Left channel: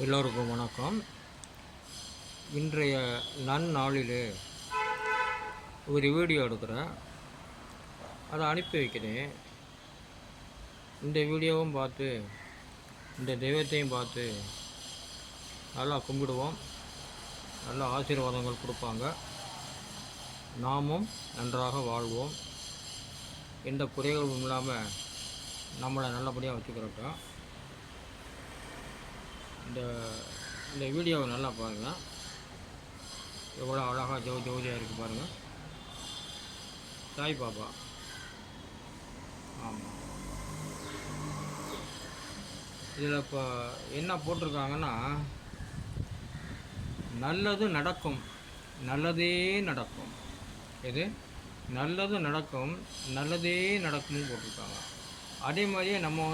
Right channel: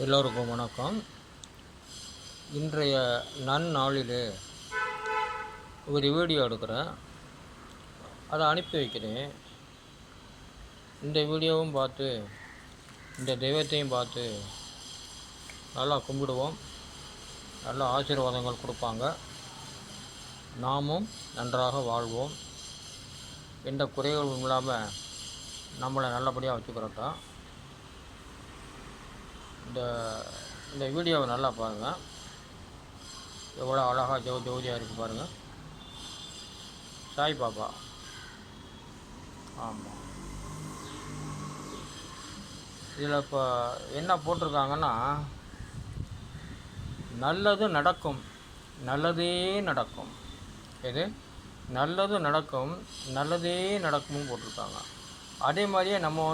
எல்லோருக்கும் வணக்கம். இன்றைய நன்னாளிலே ஒரு வீடியோ எடுக்கிறேன், அதை அனுப்பி வைக்கிறேன். இந்த வீடியோவும் பார்த்து இந்த தெய்வத்தையும் பார்த்து நல்லா கும்பிடுவோம். நல்ல ஆசீர்வாதங்கள் கொடுப்பாங்க. நாமும் நன்றாக வாழ்வோம். எந்த குறைகளும் இல்லாமல் நம்மளை நல்லபடியாக வச்சுக்கிறோம். இந்த வீடியோவை நல்லா பாருங்கள். எவ்வளோ அழகாக ஜோதியாக இருக்குது பாருங்கள். சாய் பாபா. ஆமாம், இதில் இப்போ என்ன போட்டிருக்காங்கன்னா, நல்லது நடக்கும், நல்லதே நடக்கும். இது நல்லது நடக்கும், நல்லதே நடக்கும்னு போட்டிருக்காங்க. அதே மாதிரியே நம்ம